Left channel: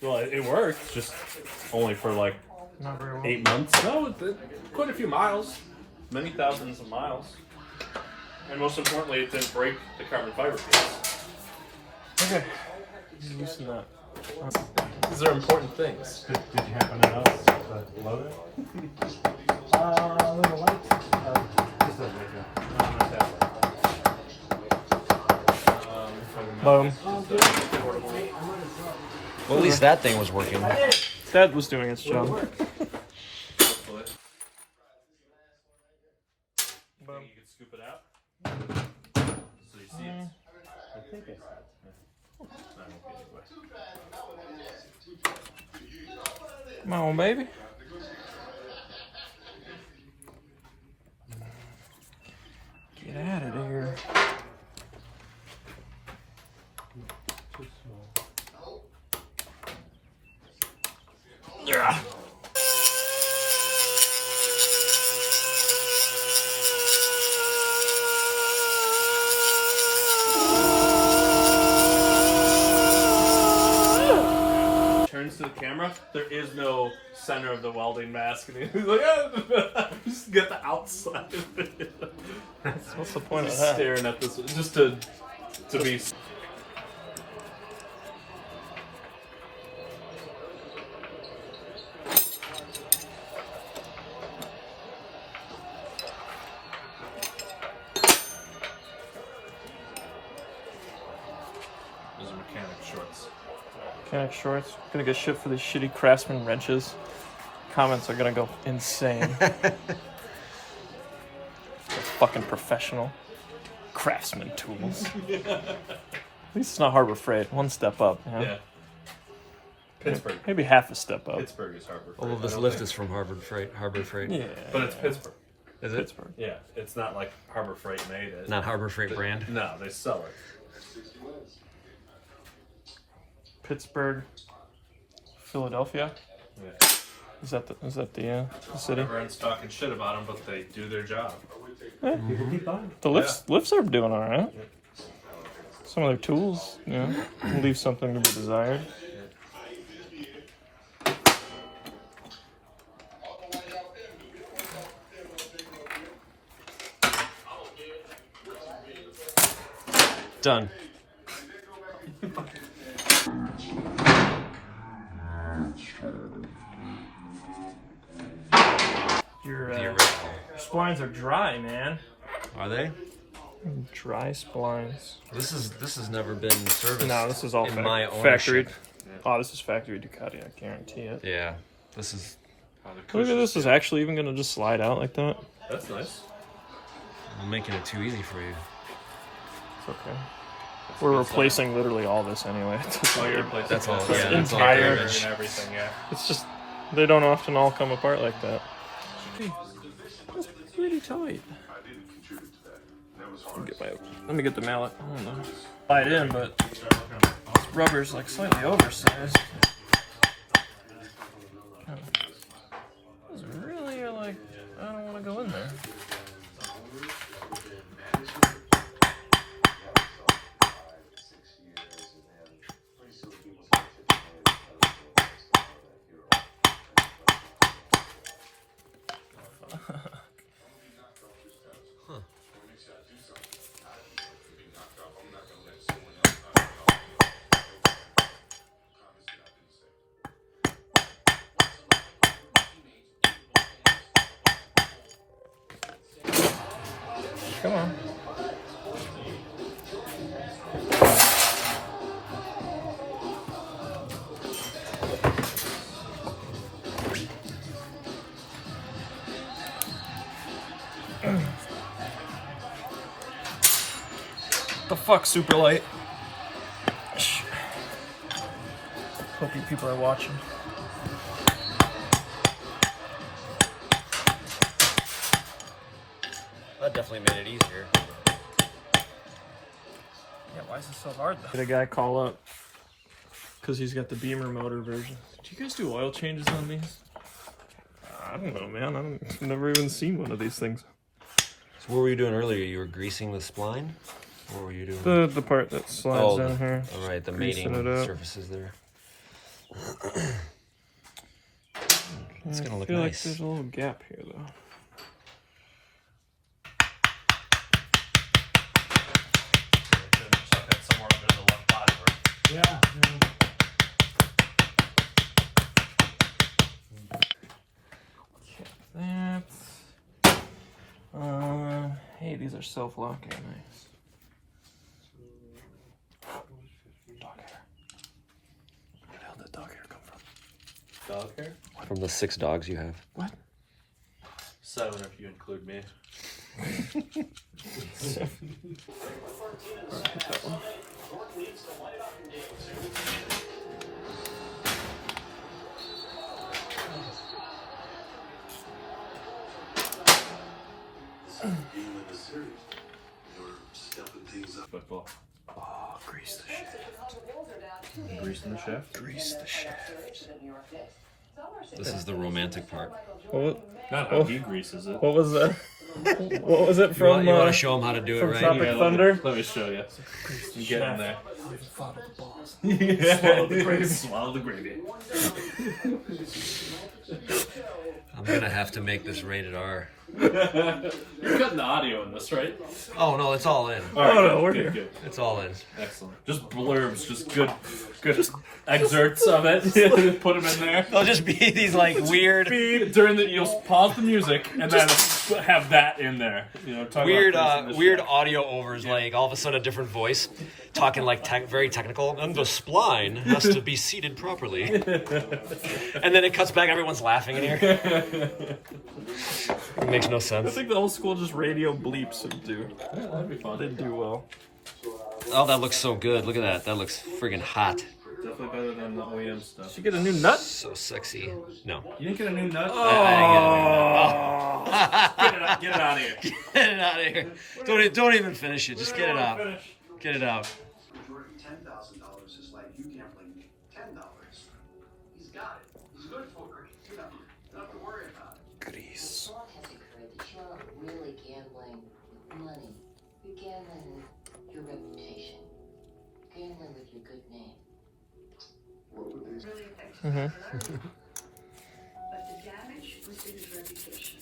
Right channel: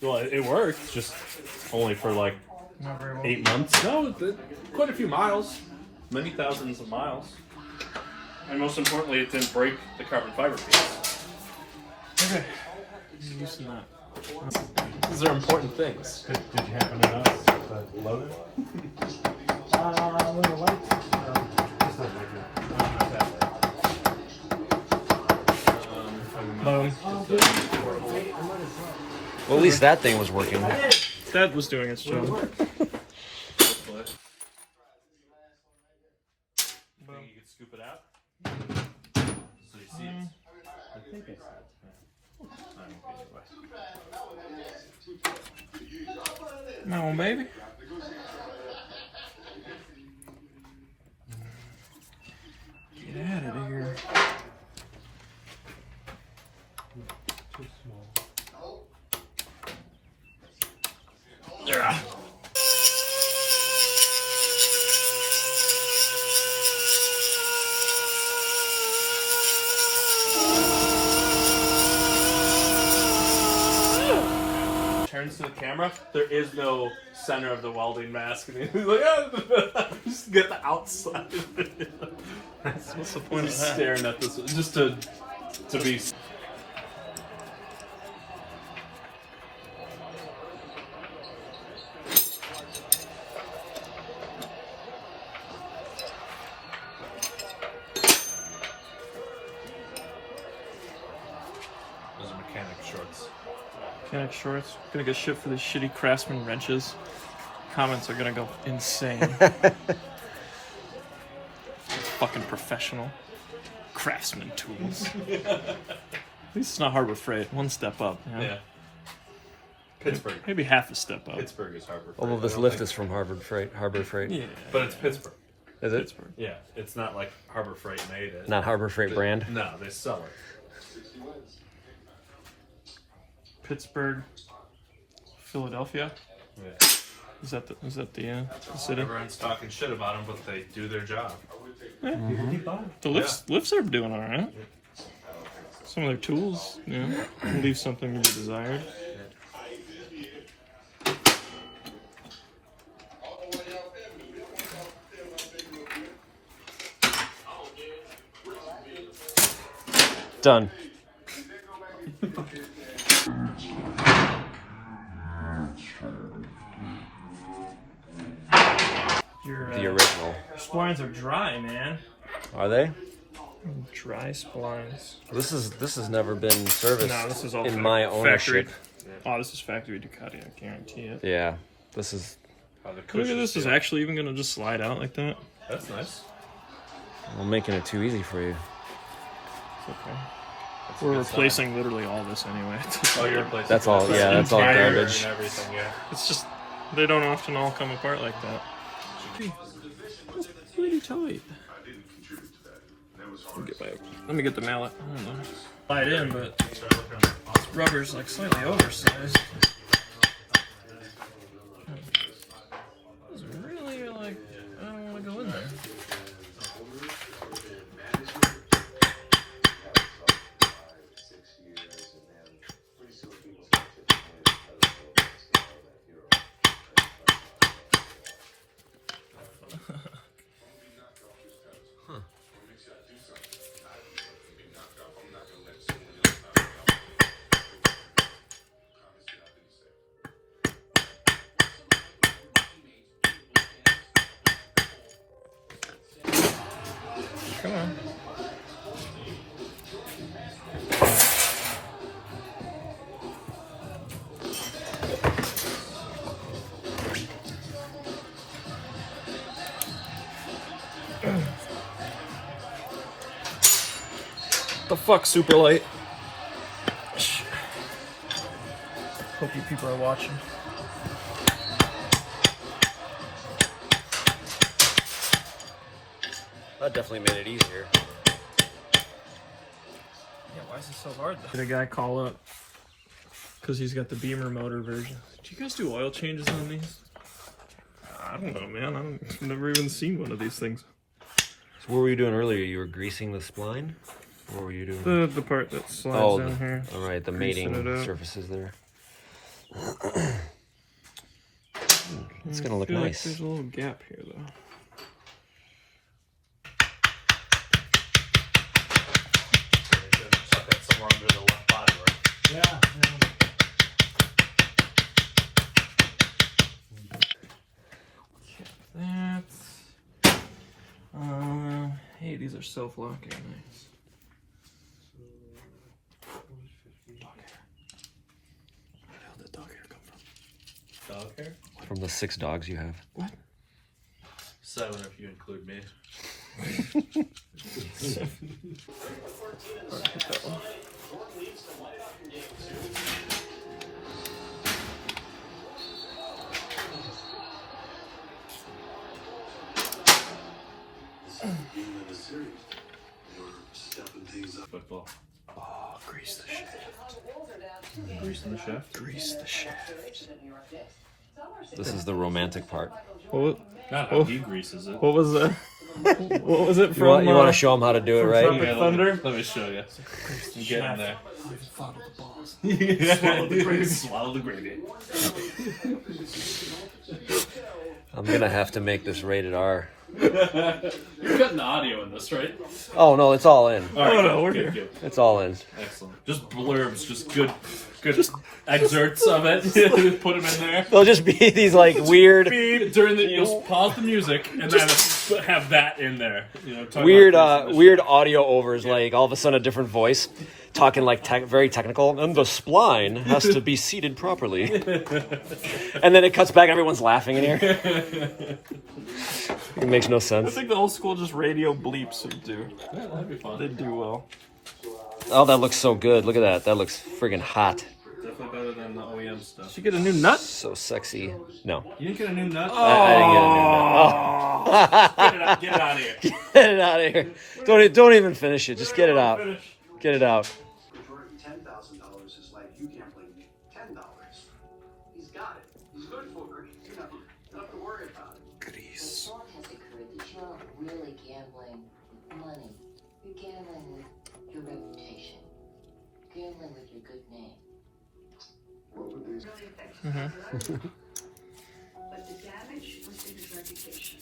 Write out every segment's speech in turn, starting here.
Well, it worked, just only for like Not very well. 8 months. No, quite a few miles, many thousands of miles. And most importantly, it didn't break the carbon fiber piece. Okay. Loosen that. These are important things. Did you happen to notice the loader? A little light. Just a Boom. Well, at least that thing was working. That was doing its job. Boom. You can scoop it out. So you see it. I think I see it. I don't get anyway. Come on, baby. Get out of there. Too small. Yeah. Turns to the camera. There is no center of the welding mask, and he's like, oh, just get the outside of it. What's the point of Just that? staring at this, just to be. Those are mechanic shorts. Mechanic shorts. Gonna get shit for these shitty Craftsman wrenches. Comments are gonna go insane. Fucking professional. Craftsman tools. At least it's not Harbor Freight. One step up. You know? Yeah. Pittsburgh. Maybe half a step up. Pittsburgh is Harbor Freight. Although this lift is from Harbor Freight. Yeah. But it's Pittsburgh. Is it? Pittsburgh. Yeah, it's not like Harbor Freight made it. Not Harbor Freight brand. No, they sell it. Pittsburgh. Philadelphia. Yeah. Is that the city? Everyone's talking shit about them, but they do their job. Yeah. People keep buying. The lifts are doing all right. Some of their tools, leave something to be desired. Done. The original. Splines are dry, man. Are they? Dry splines. This has never been serviced. No, this is all in my ownership. Oh, this is factory Ducati. I guarantee it. Yeah, this is. Look at this. Is actually even gonna just slide out like that. That's nice. I'm making it too easy for you. It's okay. We're replacing literally all this anyway. Oh, you're replacing That's all. Yeah, that's all Entire- garbage. and everything, yeah. It's just they don't often all come apart like that. That's pretty tight. Let me get the mallet. I don't know. Buy it in, but this rubber's like slightly oversized. It's really like I don't want to go in there. Come on. The fuck, super light. Hope you people are watching. That definitely made it easier. Yeah, why is it so hard though? Did a guy call up because he's got the Beamer motor version. Do you guys do oil changes on these? I don't know, man. I've never even seen one of these things. So what were you doing earlier? You were greasing the spline? What were you doing? The part that slides down here. All right, the Greasing mating it up. surfaces there. It's gonna look I feel like nice. there's a little gap here, though. Tuck that somewhere under the left body, right? Yeah. Hey, these are self-locking. Nice. Dog hair. Where the hell did dog hair come from? Dog hair? From the 6 dogs you have. What? 7 if you include me. Alright, hit that one. Football. Oh, grease the shaft. Greasing the shaft? Grease the shaft. This is the romantic part. What? Not how he greases it. What was that? What was it from? You want to show them how to do it, right? Tropic Thunder? Let me show you. You get in there. Swallow the balls. Swallow the gravy. Swallow the gravy. I'm gonna have to make this rated R. You're cutting the audio in this, right? Oh no, it's all in. All right, no, we're here. Good. It's all in. Excellent. Just blurbs, just good excerpts of it. Put them in there. There'll just be these like weird, During the, you'll pause the music and then have that in there. You know, talk weird, about this weird audio overs. Like all of a sudden, a different voice talking like very technical, and the spline has to be seated properly. And then it cuts back. Everyone's laughing in here. It makes no I sense. think the old school just radio bleeps would do. Yeah, that'd be fun. They do well. Oh, that looks so good. Look at that. That looks friggin' hot. Definitely better than the OEM stuff. Did you get a new nut? So sexy. No, You didn't get a new nut? I didn't get a new nut. Oh. Get it out of here. Get it out of here. Don't even finish it. Just get it out. Get it out. $10,000 is like you gambling $10. He's got it. He's good for it. You know, not to worry about it. Grease. As long as you create that you're not really gambling with money. You're gambling with your reputation. Gambling with your good name. But the damage was in his reputation.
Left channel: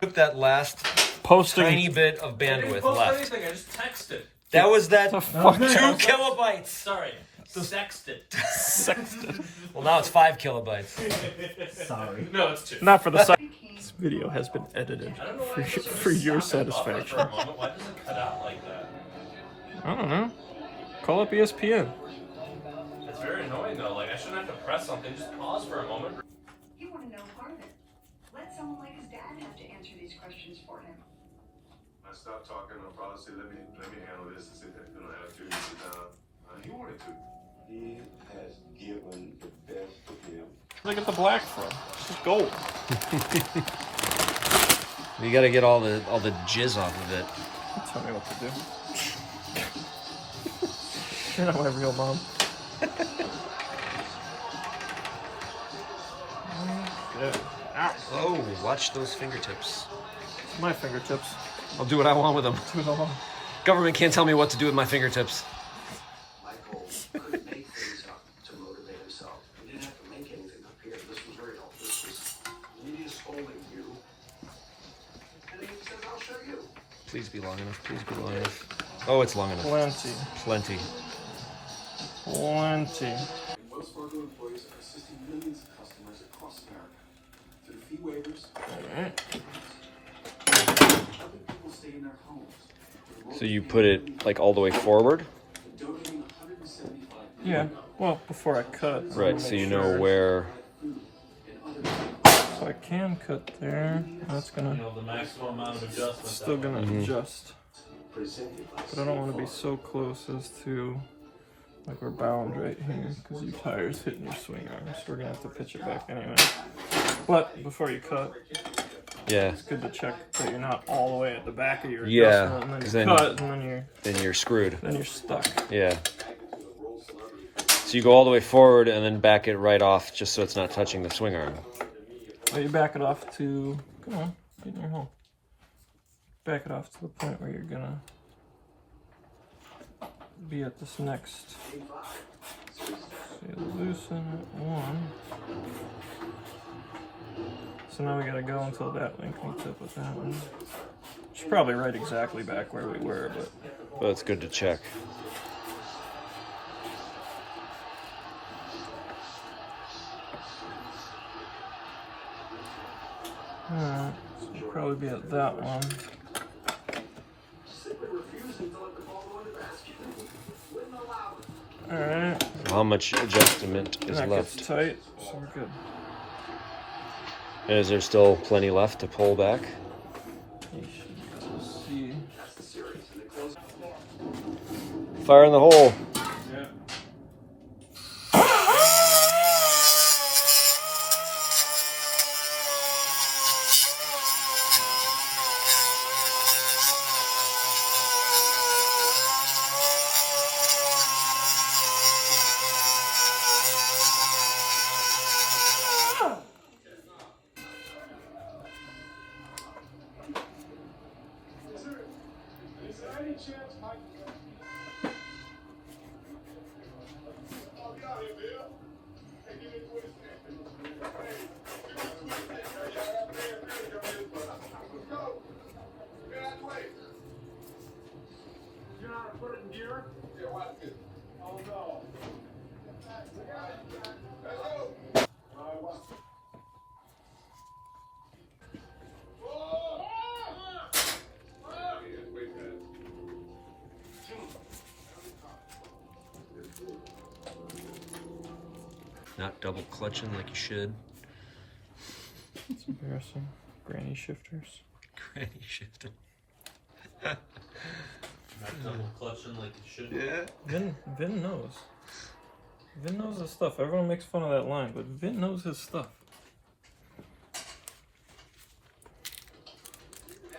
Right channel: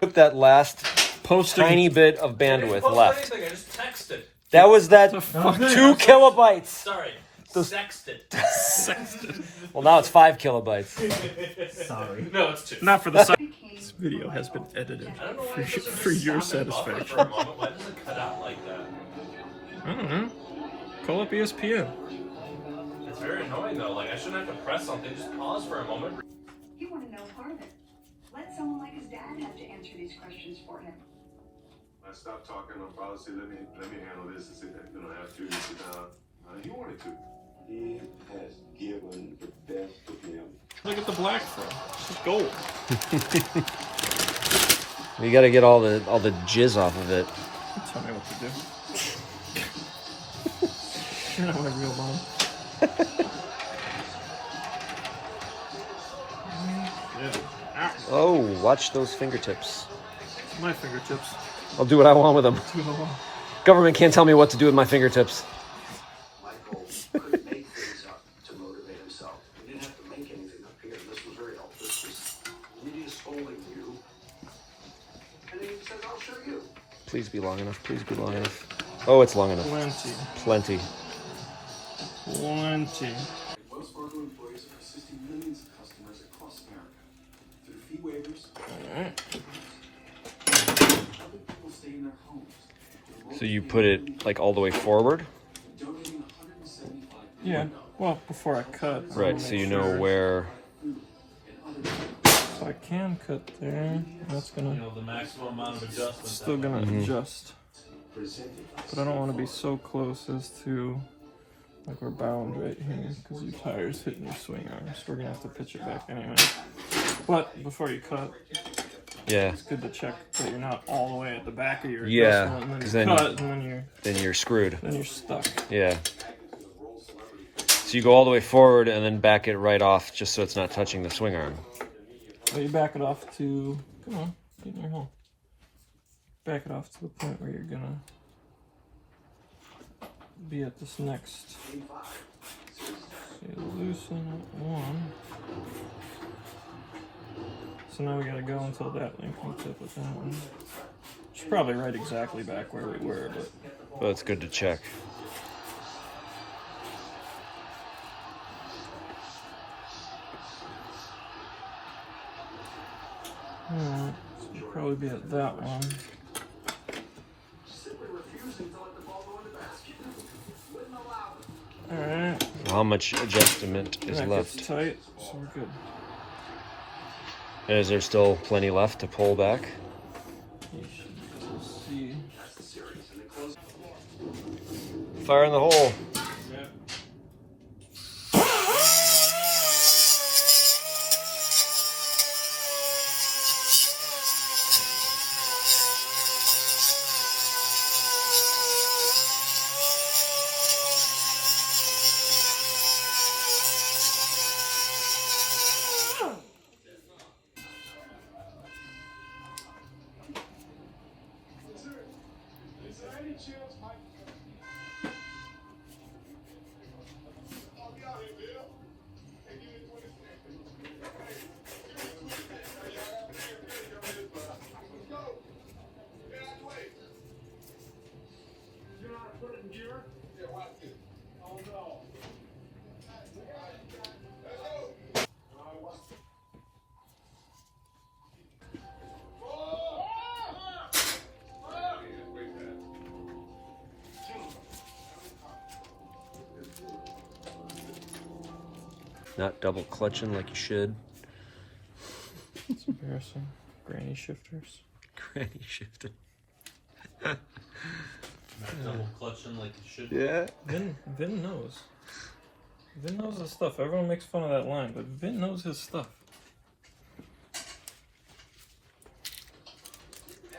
Took that last Posting. tiny bit of bandwidth left. I just texted. That was that 2 fuck? kilobytes. Sorry. Sexted. Well, now it's 5 kilobytes. Sorry. No, it's 2. Not for the site. This video has been edited for your satisfaction. Why does it cut out like that? I don't know. Call up ESPN. It's very annoying though. Like I shouldn't have to press something. Just pause for a moment. You want to know part of it. Let someone like his dad have to answer these questions for him. I stopped talking on policy. Let me handle this and see that you don't have to sit down. He wanted to. He has given the best of him. Where'd I get the black from? This is gold. You got to get all the jizz off of it. Tell me what to do. You're not my real mom. Oh, watch those fingertips. My fingertips. I'll do what I want with them. Government can't tell me what to do with my fingertips. Michael couldn't make things up to motivate himself. He didn't have to make anything up here. This was very old. This was me scolding you. And then he said, I'll show you. Please be long enough. Please be long enough. Oh, it's long enough. Plenty. Plenty. Plenty. Wells Fargo employees are assisting millions of customers across America. Through the fee waivers, other people stay in their homes. So you put it like all the way forward? Donating $175 Yeah. Well, before I cut. I Right, wanna so make you know sure. where. So I can cut there. That's You gonna know the maximum amount of adjustment. still gonna adjust. But I don't want to be so close as to like we're bound right here because your tire's hitting your swing arm. So we're gonna have to pitch it back anyway. But before you cut, Yeah, it's good to check that you're not all the way at the back of your Yeah, adjustment, and 'cause then then- you cut, and then you're screwed. then you're stuck. Yeah. So you go all the way forward and then back it right off just so it's not touching the swing arm. But you back it off to, come on, get in your hole. Back it off to the point where you're gonna be at this next So you loosen it one. So now we gotta go until that link meets up with that one. It's probably right exactly back where we were, but Well, it's good to check. alright. So we'll probably be at that one. Alright. How much adjustment is That left? gets tight, so we're good. Is there still plenty left to pull back? You should be able to see. Fire in the hole. Not double clutching like you should. It's embarrassing. Granny shifters. Granny shifting. Not double clutching like you should. Yeah. Vin knows. Vin knows his stuff. Everyone makes fun of that line, but Vin knows his stuff.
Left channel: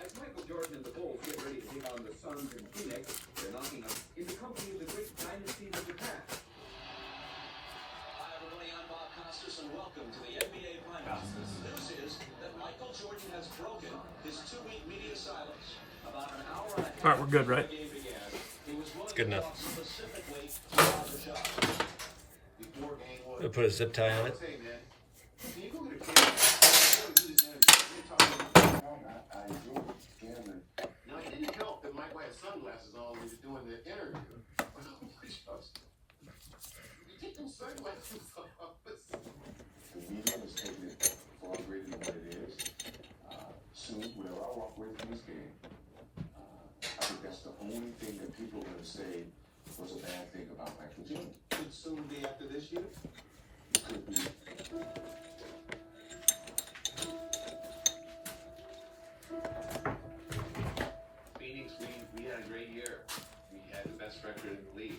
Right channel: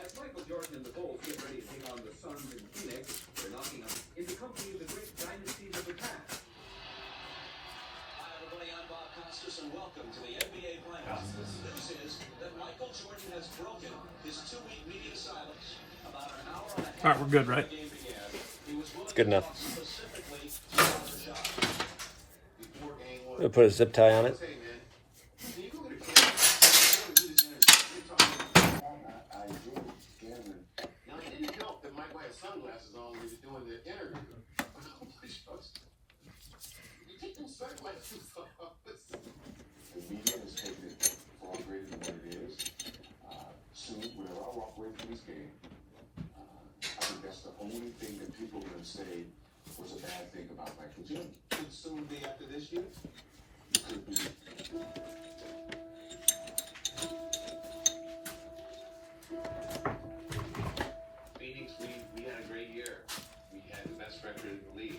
As Michael Jordan and the Bulls get ready to take on the Suns in Phoenix, they're knocking up in the company of the great dynasties of the past. Hi everybody, I'm Bob Costas and welcome to the NBA Finals. The news is that Michael Jordan has broken his 2-week media silence. About an hour and a half Alright, we're good, right? before the game began, he was It's good enough. specifically to stop the shot. Before game one, We'll put a zip tie on it. hey man, can you go get a camera? I want to do this interview. We're talking about I enjoy gambling. Now, it didn't help that Mike had sunglasses on when he was doing the interview. You keep them sunglasses on. The media has taken it far greater than what it is. Soon, whenever I walk away from this game, I think that's the only thing that people are going to say was a bad thing about Michael Jordan. Could soon be after this year. It could be. Phoenix, we had a great year. We had the best record in the league.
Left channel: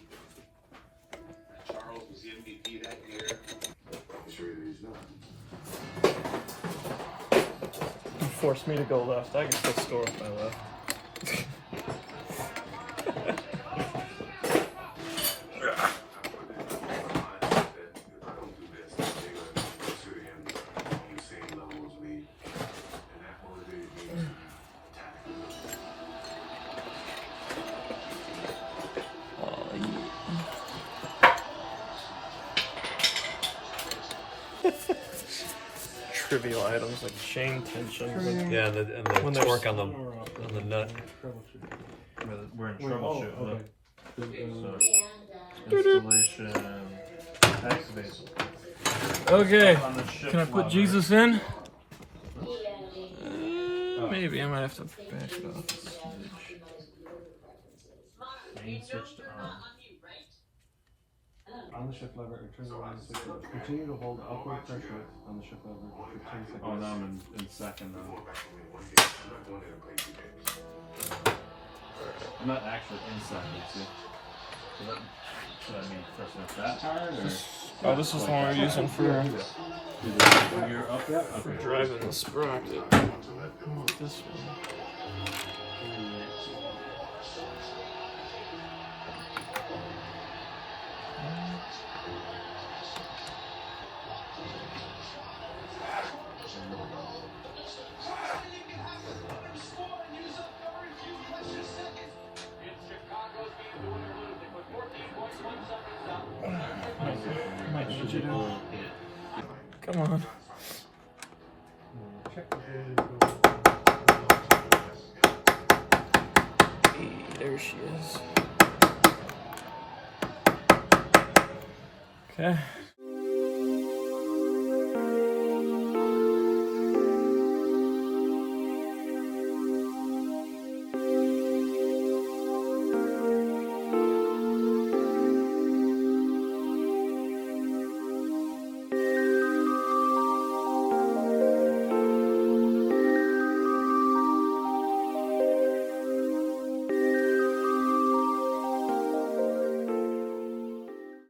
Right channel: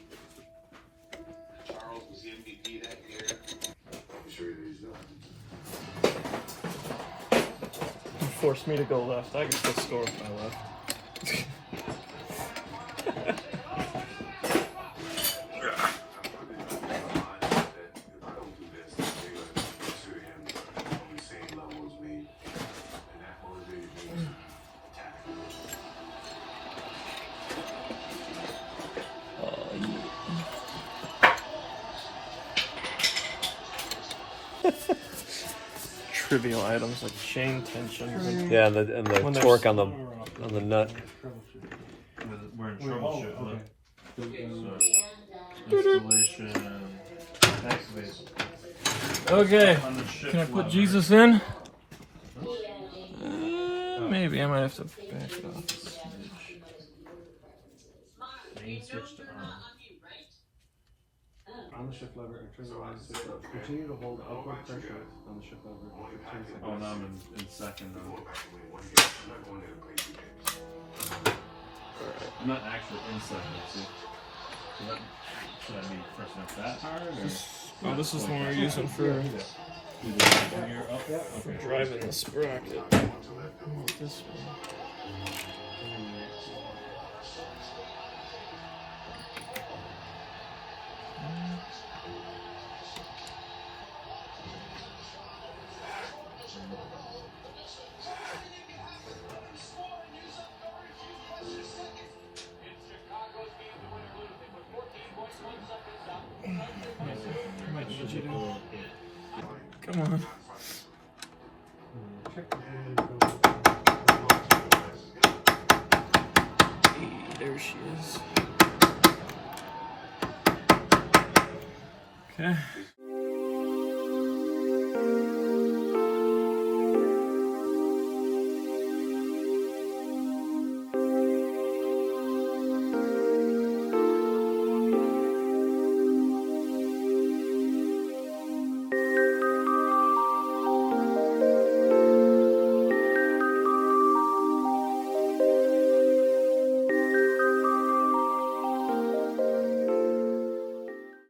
Charles was the MVP that year. I'm sure he's not. You forced me to go left. I can still score if I left. Trivial items like chain tensions and Yeah, and the When torque there's- on the nut. We're in oh, troubleshooting. Installation, activation. Okay, On the shift can I put lever. Jesus in? Maybe I might have to back it off. Main switch to on. On the shift lever, and turn the line switch up. Continue to hold upward pressure on the shift lever for 2 seconds. Oh, now I'm in second. I'm not actually in second, see? So that, should I be pressing up that hard or? Oh, this is the one we're using for When you're up that? Okay. driving the sprocket. I want this one. What'd you do? Come on. Check the data. Hey, there she is. Okay.